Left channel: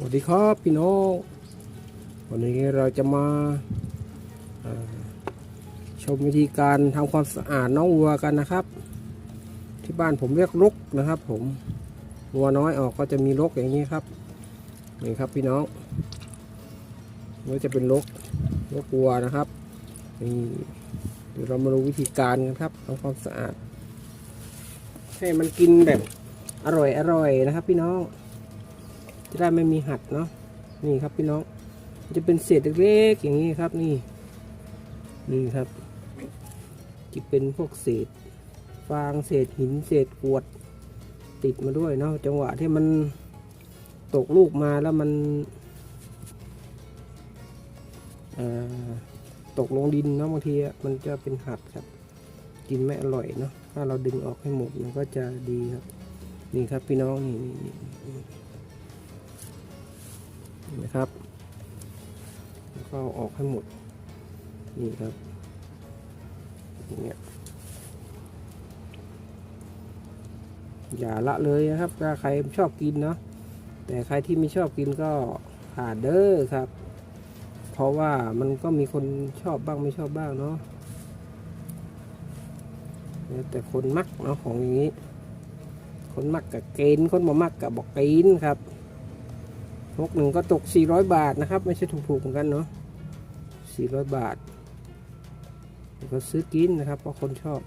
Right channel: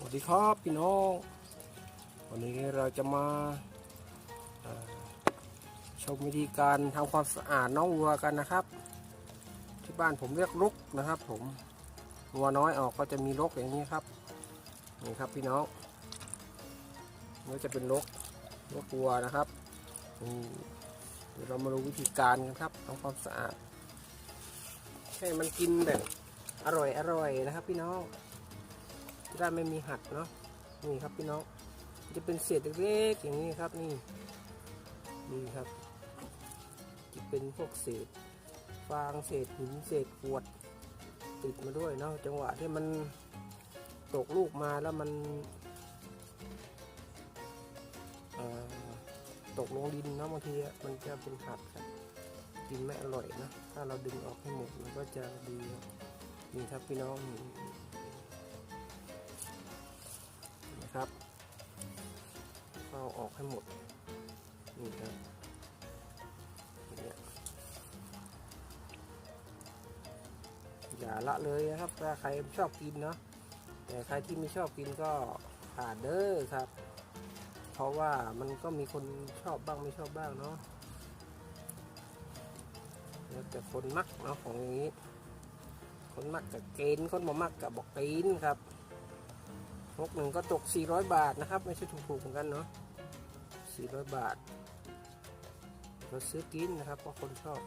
สวัสดีครับพี่น้องวันนี้เราจะมาาชมวิธีการทำความสะอาดน้องวัวกันนะครับ ที่บ้านผมเรียกรกนะครับ ผมวัวน้อยออกก็จะมีรกอย่างนี้ครับนี่ครับพี่น้องนี่จะเป็นรกรกวัวนะครับนี่เดี๋ยวเรามาดูวิธีการกันครับทำความสะอาดให้มันกินแบบอร่อยอร่อยๆนะครับ พี่น้อง จะได้ไม่มีหักเนาะนี่ครับพี่น้องจะเป็นเศษเล็กๆอย่างนี้ครับนี่นี่ครับจะเป็นพวกเศษฟางเศษหินเศษกวดติดมาด้วยเนาะจังหวะที่มันตกลูกมาแล้วมันตกลงดินเนาะบางทีมันจะเป็นหักครับกินไม่อร่อยเนาะถ้าเราดึงออกให้หมดมันก็จะดีครับนี่ครับพี่น้องนี่ นะครับแล้วก็ออกให้หมดนี่ครับอย่างเงี้ยอย่าละเลยนะครับ ถ้าใครชอบกินเนาะแต่ใครที่ไม่ชอบกินก็ผ่านเด้อครับ เพราะว่ามันก็มีคนชอบบ้างไม่ชอบบ้างเนาะแต่คนมักเนาะของอย่างนี้ คนมักกับเกณฑ์คนบ่มักกับบอกเกณฑ์ครับ นกหนึ่งก็ตก 400 บาทนะครับ ไม่ใช่ถูกๆเหมือนกันเนาะ400 บาทก็ซื้อกินนะครับเพราะคนชอบ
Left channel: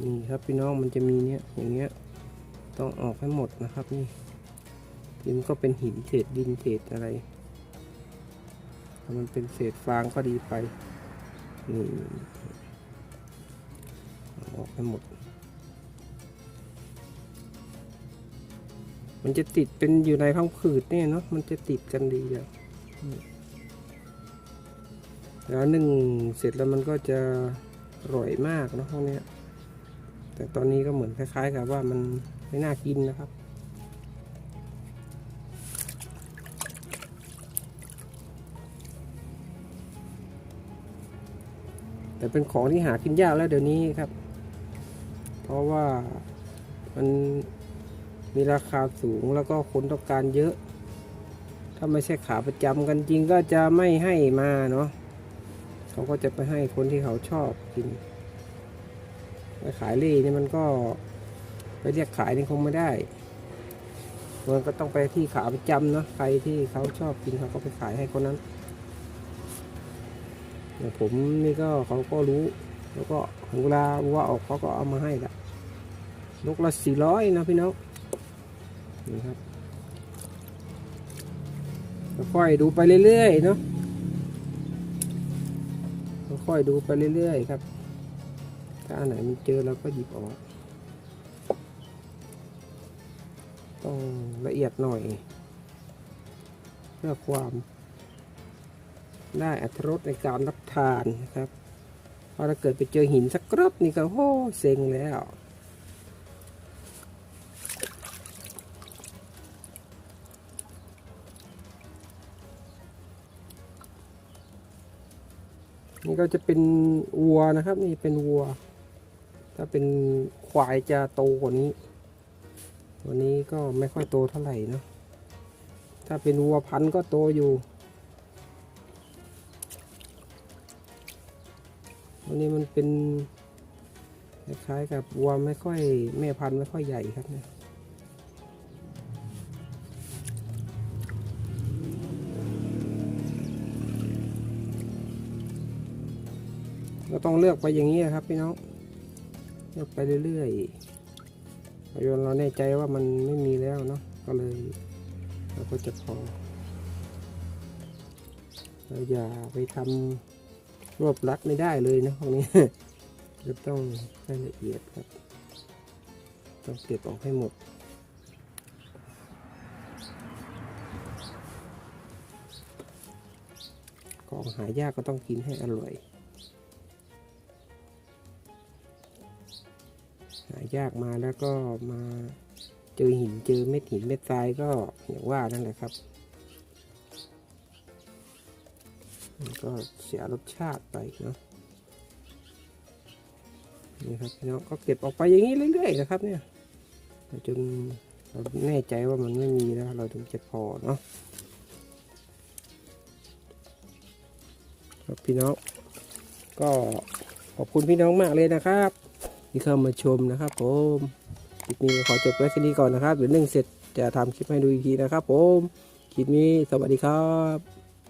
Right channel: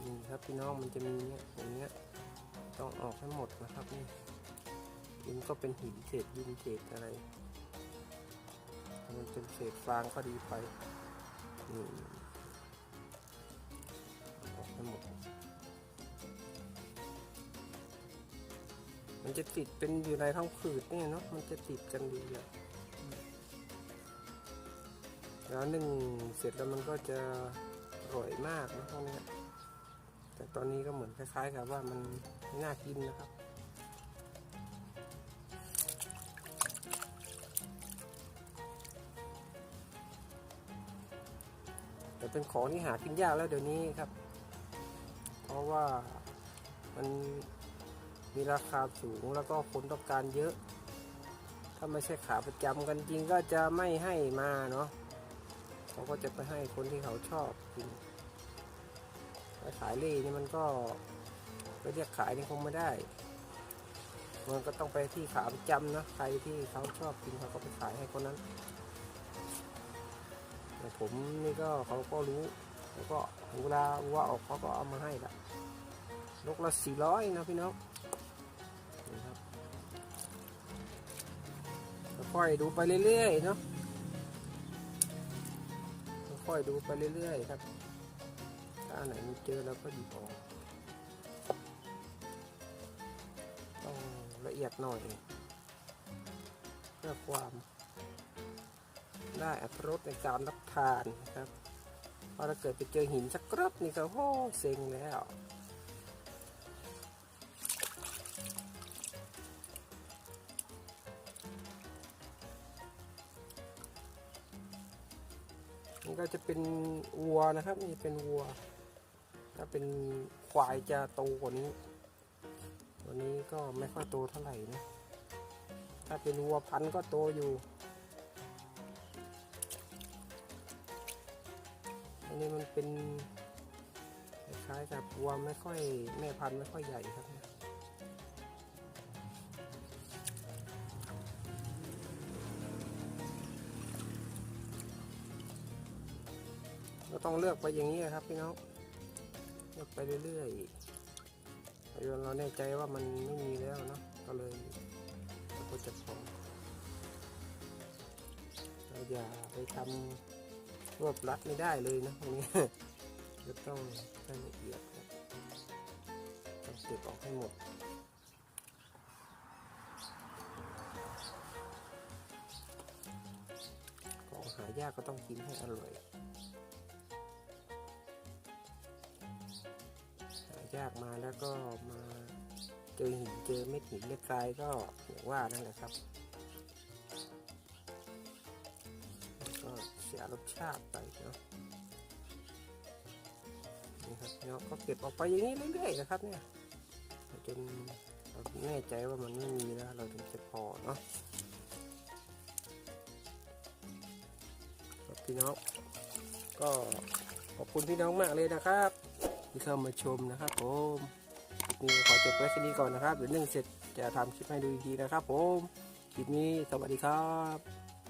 นี่ครับพี่น้องมันจะมีเนี้ยอย่างเงี้ยต้องออกให้หมดนะครับนี่ดินก็เป็นหินเศษดินเศษอะไรถ้ามันเป็นเศษฟางก็ดีไปนี่เอออกให้หมด มันจะติดเป็นอยู่ในท้องผืดเนี่ยเนาะมันจะติดกันดีเลยแล้วหนึ่งเสร็จแล้วมันก็จะอร่อยมากนะพวกเนี้ยแต่ตอนนี้ก็เหมือนคล้ายๆกับว่ามันไม่น่ากินนะครับแต่เป็นของที่หากินยากแล้วเดี๋ยวนี้ครับ เพราะว่ามัน มีราคาสูงแล้วก็คนต้องการเยอะ ถ้าไม่ใช่ขาประจำกันจริงก็จะไม่ให้มาเนาะเขาก็จะไปให้คนที่เขาชอบกินไปขายเล่นี่มันก็ไปเรียกขายนี่คงไม่ได้มันก็ต้องไปที่ขาประจำเนาะใครที่เขาชอบกินเขาก็ไปขายให้คนนั้นอย่ผมนี่ก็เขาก็รู้แล้วก็เวลาวัวออกเขาก็เอามาให้ละนกละสี่ร้อยนะพี่น้อง นี่ครับค่อยดูไปเรื่อยๆเนาะค่อยดูไปเรื่อยๆครับ ถ้าอันไหนมันเจอเราก็หยิบออกต้องละเอียดหน่อยเพื่อความได้อัตรสในการรับทานนะครับ เพราะถ้าเกิดไปเจอหินสักกรอบนี่ก็โอ้เซ็งแล้ว นี่ก็จะเป็นวัวนะครับ นี่เป็นวัว ถ้าเป็นควายจะโตกว่านี้วันนี้ก็ไม่ค่อยโตเท่าไหร่นะ ถ้าเป็นวัวพันธุ์ก็โตอยู่อันนี้มันเป็นคล้ายๆกับวัวไม่ค่อยแม่พันธุ์ไม่ค่อยใหญ่ครับเนี่ย ก็ต้องเลือกไปอย่างนี้ครับพี่น้องเลือกไปเรื่อยๆจนเราแน่ใจว่ามันไม่มีแล้วเนาะก็เลยเราก็จะพอเราอย่าไปทำรวบรัดไม่ได้เลยนะพวกนี้จะต้องให้ละเอียดครับต้องเก็บออกให้หมดของหายากก็ต้องกินให้อร่อย หายากมาแล้วก็มาเจอหินเจอเม็ดหินเม็ดทรายก็อย่างว่านั่นแหละครับมันก็เสียรสชาติไปเนาะนี่ครับพี่น้องก็เก็บออกไปอย่างนี้เรื่อยๆนะครับเนี่ยจนเราแน่ใจว่ามันไม่มีนะเราถึงจะพอเนาะครับพี่น้องก็ขอบคุณพี่น้องมากเลยนะครับ ที่เข้ามาชมนะครับผมคลิปนี้ขอจบไว้แค่นี้ก่อนนะครับเดี๋ยวนึ่งเสร็จจะทำคลิปให้ดูอีกทีนะครับผมคลิปนี้สวัสดีครับ